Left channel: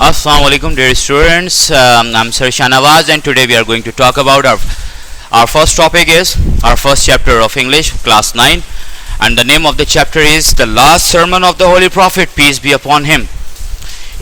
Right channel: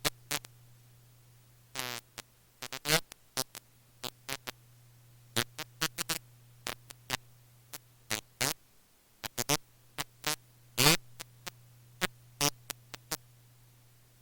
Assalamu alaikum dear students, I'm Sir Shanawaz and today we are going to talk about our first topic is our first chapter of English class 9 and the name of the chapter is the last sermon of the Holy Prophet, peace be upon him.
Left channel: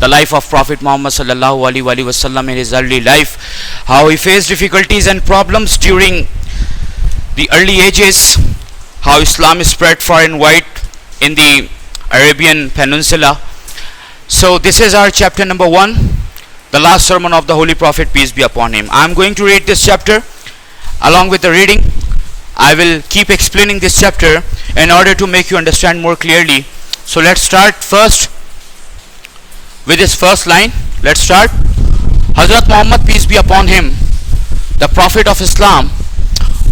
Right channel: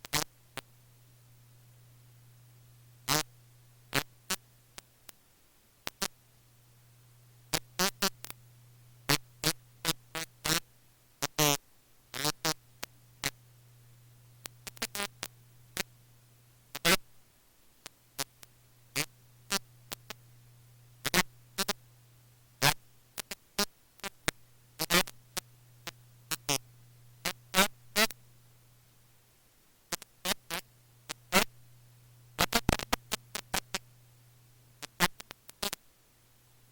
the life of Prophet Muhammad sallallahu alaihi wasallam in his early life, how he faced difficulties and problems during the early ages, how Islam spread far and wide in the Arabian Peninsula. So this is our chapter number 1, the last sermon of the Holy Prophet, peace be upon him. I am going to read this chapter along with the reading. I will keep explaining this chapter in order to make you understand more clearly. So let's start first with this first line. Let's start. Hazrat Muhammad, peace be upon him, the Prophet of Islam,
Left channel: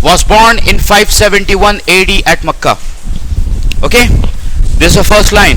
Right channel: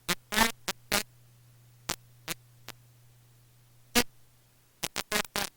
was born in 571 AD at Makkah. Okay, this is the first line.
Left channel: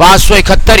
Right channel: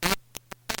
571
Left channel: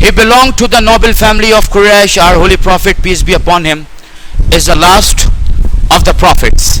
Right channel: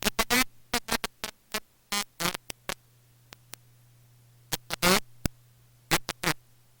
He belonged to the noble family of Quraysh. Our holy prophet, peace be upon him, is the last of the prophets.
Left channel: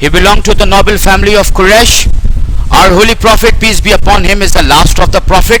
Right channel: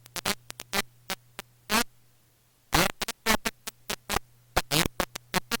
He belonged to the noble family of Quraysh. Our holy prophet, peace be upon him, is the last of the prophet.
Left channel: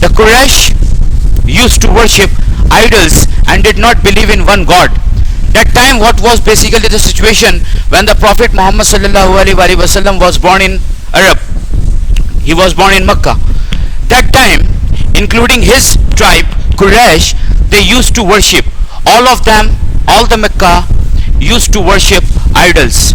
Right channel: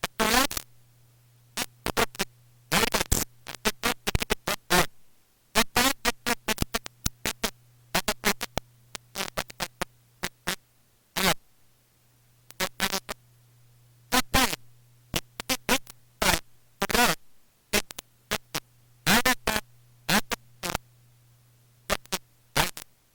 The Quraysh used to worship idols and did not believe in one God. That time what was basically the situation when the Prophet Muhammad sallallahu alaihi wasallam was born in Arab. He was born in Makkah. That time, including his tribe Quraysh, they used to worship, all of them, all the Makkah used to worship idols.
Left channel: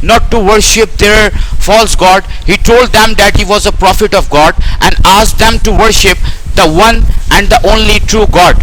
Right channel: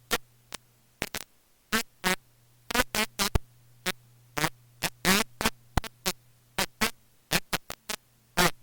not to worship their false god. He told them that he was a prophet of God and asked them to worship the one and the only true God.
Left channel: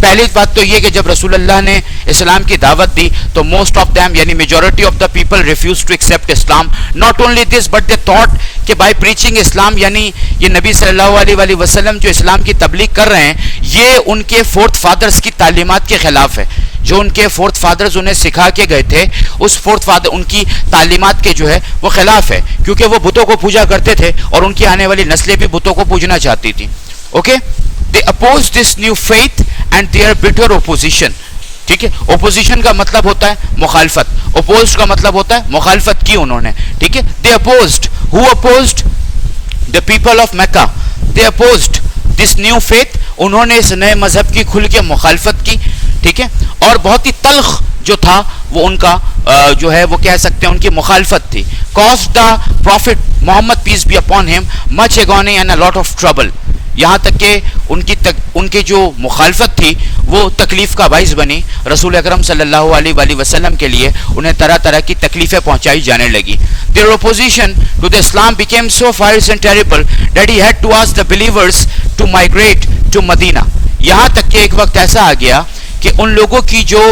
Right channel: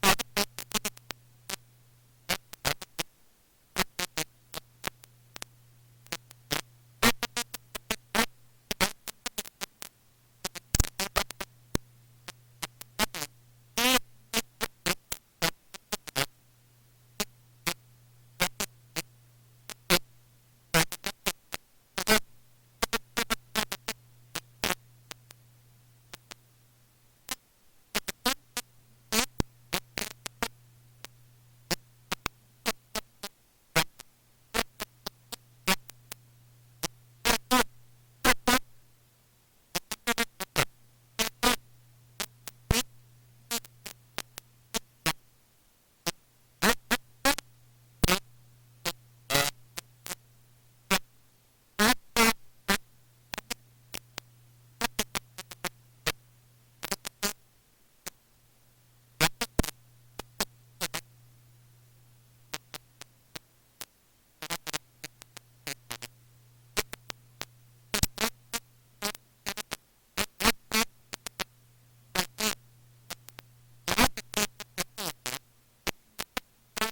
پہلی بات تو یہ کہ جب رسول اللہ نے اسلام کی دعوت دی تو موسٹ آف دیم یعنی majority of the people refuse to accept Islam. Not only this but they thought کہ بائی پریچنگ اسلام یعنی یہ نبی صلی اللہ علیہ وآلہ وسلم جو اسلام کی تبلیغ کر رہے ہیں یہ ان کے فورتھ فادرز کی تعلیمات کے خلاف ہے. جو ان کے فورتھ فادرز انہیں سکھا کے گئے تھے اس فورتھ فادر ان کی تعلیمات کے جو ہے وہ خلاف ہے, کیونکہ وہ بتوں کو پوجا کرتے تھے اور ان کی آنے والی نسلیں بھی بتوں کو پوجنا چاہتی تھیں. Okay, they opposed this new faith and their bitter opposition. ٹھیک ہے, opposition کا مطلب ہوتا ہے مخالفت, opposed کا مطلب ہوتا ہے مخالفت کی انہوں نے. ٹھیک ہے, they opposed, who opposed? The people of Mecca. They opposed this new faith. انہوں نے اس نئے مذہب کی کھل کے مخالفت کی. ٹھیک ہے, اور بہت ہی تلخ جو تھا وہ ان کا جو ہے وہ کہہ سکتے ہیں ان کی مخالفت تھی. caused the prophet Muhammad peace be upon him much agony and a lot of trouble. یہاں تک کہ ان کی جو مخالفت تھی وہ تکلیف کا باعث بنی. رسول اکرم صلی اللہ علیہ وآلہ وسلم کے لیے انہیں طرح طرح کی تکلیفیں پہنچائی جانے لگی. Their opposition to the Islam became so fierce and terrible that he had to ask the believers to migrate to Medina. یہاں تک کہ ایک وقت ایسا آ گیا کہ ان لوگوں کی جو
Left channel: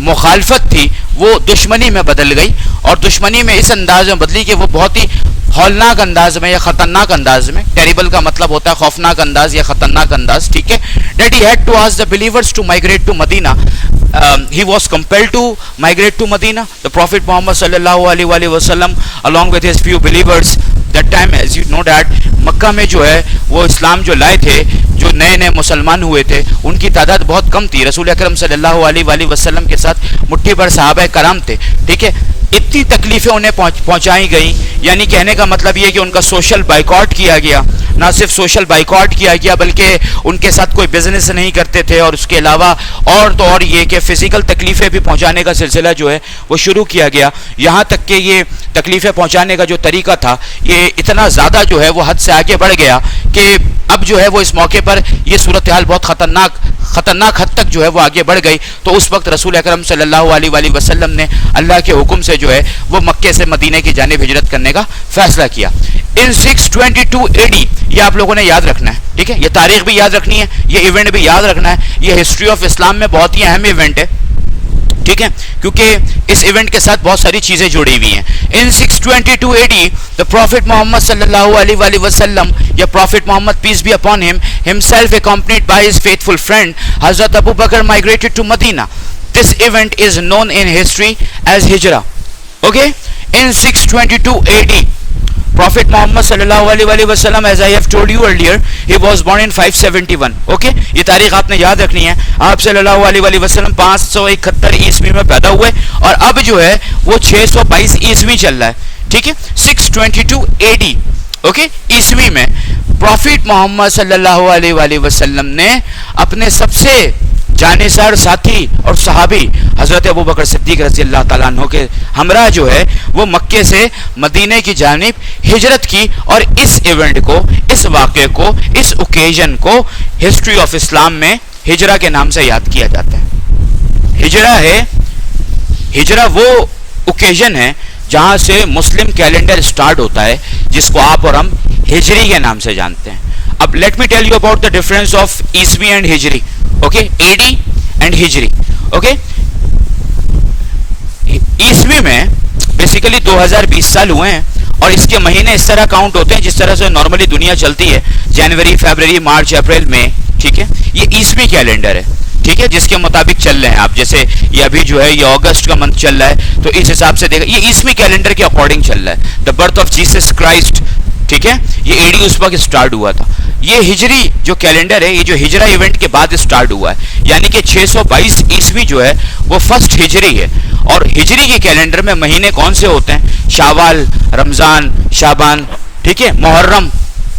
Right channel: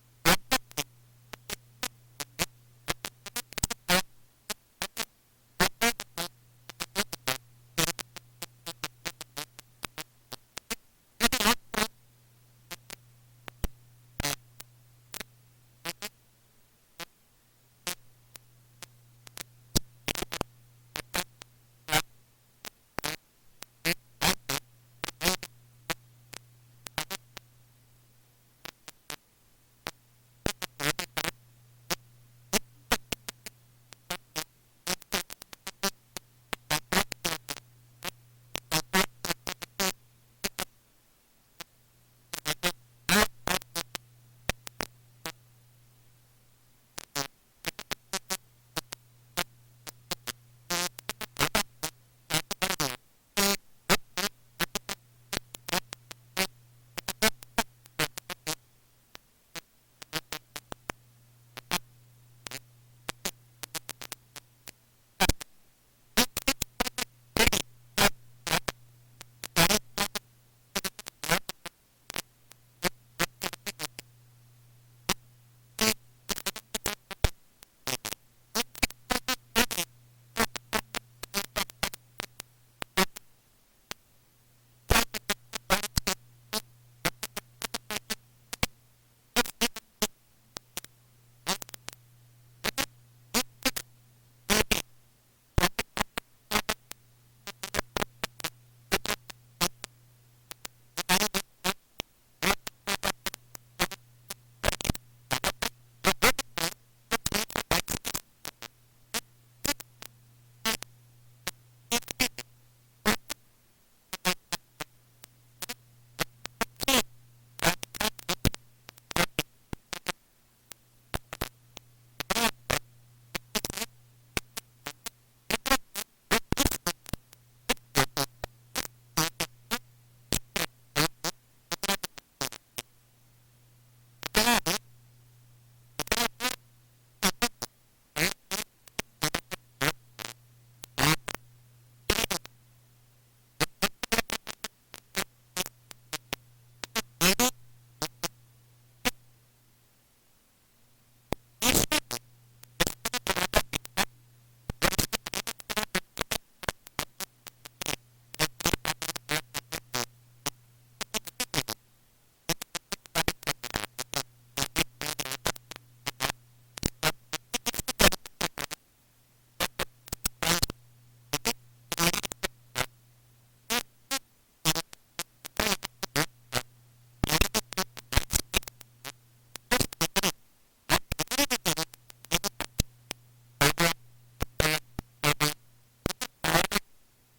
مخالفت تھی وہ دشمنی میں بدل گئی, اور دشمنی میں اس انداز میں بدلی کہ وہ بہت ہی ہولناک انداز میں یا خطرناک انداز میں, ٹیریبل کا مطلب ہوتا ہے خوفناک انداز یا خطرناک انداز. ٹھیک ہے, that he had to ask the believers to migrate to Medina. He was compelled to migrate to Medina. The Prophet Muhammad sallallahu alaihi wasallam along with his few believers that time, as you know that مکہ میں جو ہے وہ اسلام جو لائے تھے, جو نئے نئے مسلمان ہوئے تھے ان کی تعداد بہت کم تھی. رسول اکرم صلی اللہ علیہ وآلہ وسلم کے ساتھ مٹھی بھر صحابہ کرام تھے. ٹھیک ہے, اتنی تکلیفیں انہیں پہنچائی گئیں, یعنی کہنے کا مطلب یہ کہ ان کا سوشل بائیکاٹ کیا گیا. نہ صرف سوشل بائیکاٹ کیا گیا بلکہ ان کے ساتھ کوئی بزنس نہیں کرتے تھے, اور اس کے علاوہ اور تو اور یہ کہ فزیکل تکلیفیں بھی پہنچانے کا سلسلہ جو ہے وہ شروع کیا گیا. یہاں تک کہ یہ تکلیفیں پہنچانے کا جو طریقہ تھا یہ اتنا زیادہ جو ہے وہ حد سے آگے بڑھ گیا کہ اب جو ہے وہ اس موقع پر یہ صورتحال بہت خطرناک حد تک جو ہے وہ آگے بڑھ گئی. تو اس وقت رسول اکرم صلی اللہ علیہ وآلہ وسلم نے اللہ کے حکم سے جو ہے وہ مکے سے مدینے کی جانب ہجرت کرنے کا فیصلہ کیا. ان 622 AD, یہ آپ لوگوں نے یاد رکھنا ہے. ٹھیک ہے, یہ تاریخ بھی یاد رکھنی ہے, یہ ایونٹ بھی یاد رکھنا ہے. یہ ہسٹری آف اسلام میں بہت ہی اہم ایونٹ ہے. ٹھیک ہے, کیونکہ اس ایونٹ کے ساتھ بہت ساری چیزیں جڑی ہوئی ہیں. ان 622 AD the Prophet Muhammad صلی اللہ علیہ وآلہ وسلم یا Prophet Muhammad peace be upon him himself accompanied by his faithful friend Hazrat Abu Bakr migrated to Medina. This event is known in history as Hijrah. Okay, in 622 AD Prophet Muhammad صلی اللہ علیہ وآلہ وسلم, as I have told you earlier, he was born in 571. Okay, یہ تاریخ آپ نے یاد رکھنی ہے. آپ صلی اللہ علیہ وآلہ وسلم 571 عیسوی میں پیدا ہوئے اور اب جو ہے وہ 622 عیسوی چل رہا ہے. ٹھیک ہے, 622 AD اوکے عیسوی میں پروفیٹ محمد صلی اللہ علیہ وآلہ وسلم نے اپنے سب سے جانثار ساتھی اور صحابی حضرت ابو بکر صدیق رضی اللہ تعالیٰ عنہ کے ہمراہ جو ہے وہ مکے سے مدینے کی جانب ہجرت کی. اور اس ایونٹ کو, اس واقعے کو, اس اوکیزن کو ہسٹری آف اسلام میں ہجرہ کے نام سے یاد کیا جاتا ہے. ہجرہ ہے, ہجرہ وہ اوکیزن ہے جہاں سے مسلم کیلنڈر سٹارٹ ہوتا ہے جس کو آپ اور ہم ہجری کے نام سے جانتے ہیں. اب let me tell you about the difference of عیسوی اینڈ ہجری. اوکے, اے ڈی اینڈ ہجری. اوکے, عیسوی میں بیسیکلی 2020 سال ہوئے ہیں اور اس کے مہینے اس طرح کاؤنٹ ہوتے ہیں جس طرح سے نارملی دنیا چلتی ہے, جنوری, فیبرری, مارچ, اپریل, مئی. ٹھیک ہے, یہ عیسوی کیلنڈر ہے. ٹھیک ہے, جس کے مطابق چل رہے ہیں آپ. جیسے یہ ابھی جو ہے یہ اگست کا منتھ چل رہا ہے تو اس حساب سے دیکھا یہ عیسوی کیلنڈر کے اکارڈنگ چل رہا ہے. The birth of Jesus Christ. ٹھیک ہے, یہ اے ڈی اس وقت اسٹارٹ ہوا تھا. یہ ہجری جو کیلنڈر ہے یہ جو ہجرہ ایونٹ کے بعد اسٹارٹ ہوا ہے, یعنی کہ 622 عیسوی جو ہے وہ فرسٹ ہجری ہے. اور ہجری کے کیلنڈر میں مہینے کون سے ہوتے ہیں؟ شاوال, رمضان, شعبان, ٹھیک ہے, محرم.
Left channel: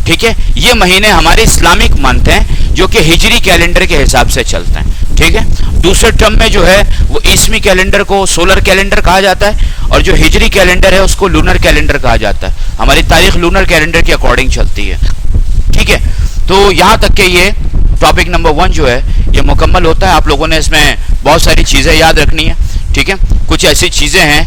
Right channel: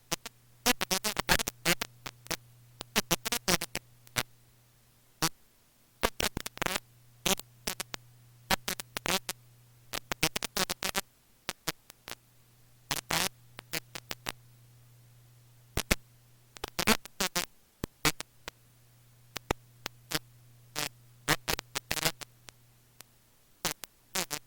ٹھیک ہے, یہ مہینے ہمارے اسلامک منتھ ہیں جو کہ ہجری کیلنڈر کے حساب سے چلتے ہیں. ٹھیک ہے, دوسرے ٹرم میں جو ہے وہ عیسوی کیلنڈر کو سولر کیلنڈر کہا جاتا ہے اور جو ہجری کیلنڈر ہے اس کو لونر کیلنڈر کہا جاتا ہے. ہماری تاریخ لونر کیلنڈر کے اکارڈنگ چلتی ہے. ٹھیک ہے, تو یہاں تک کہ یہ ٹاپک نمبر 1 جو ہے یہ مکمل ہوتا ہے. آپ لوگوں نے اس میں بہت ساری چیزیں یاد رکھنی ہے. ٹھیک ہے, کچھ ایسی چیزیں ہیں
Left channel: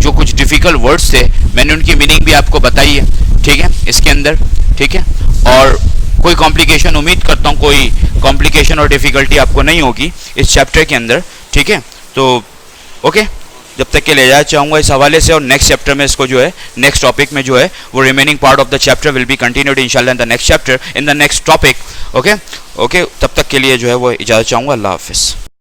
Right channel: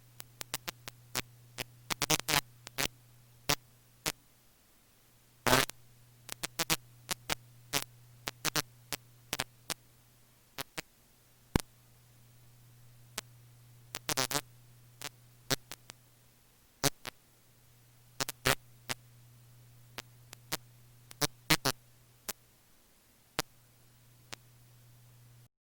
جو کچھ ڈیفیکلٹ ورڈز تھے میں نے ان کی میننگ بھی آپ کو بتائی ہے. ٹھیک ہے, اس کے اندر. ٹھیک ہے, اور کوئی کمپلیکیشن امید کرتا ہوں کوئی کمپلیکیشن اور ڈیفیکلٹی آپ کو نہیں ہوگی اس چیپٹر کے اندر. ٹھیک ہے, تو اوکے, جب تک کہ لے جانا چاہوں گا اس حوالے سے, اور نیکسٹ چیپٹر میں اس کو جو ہے نیکسٹ ٹاپک میں جو ہے وہ remaining part of the chapter will be continued انشاءاللہ in the next chapter in the next topic. Okay, تب تک کے لیے جو ہے وہ اجازت چاہوں گا. اللہ حافظ.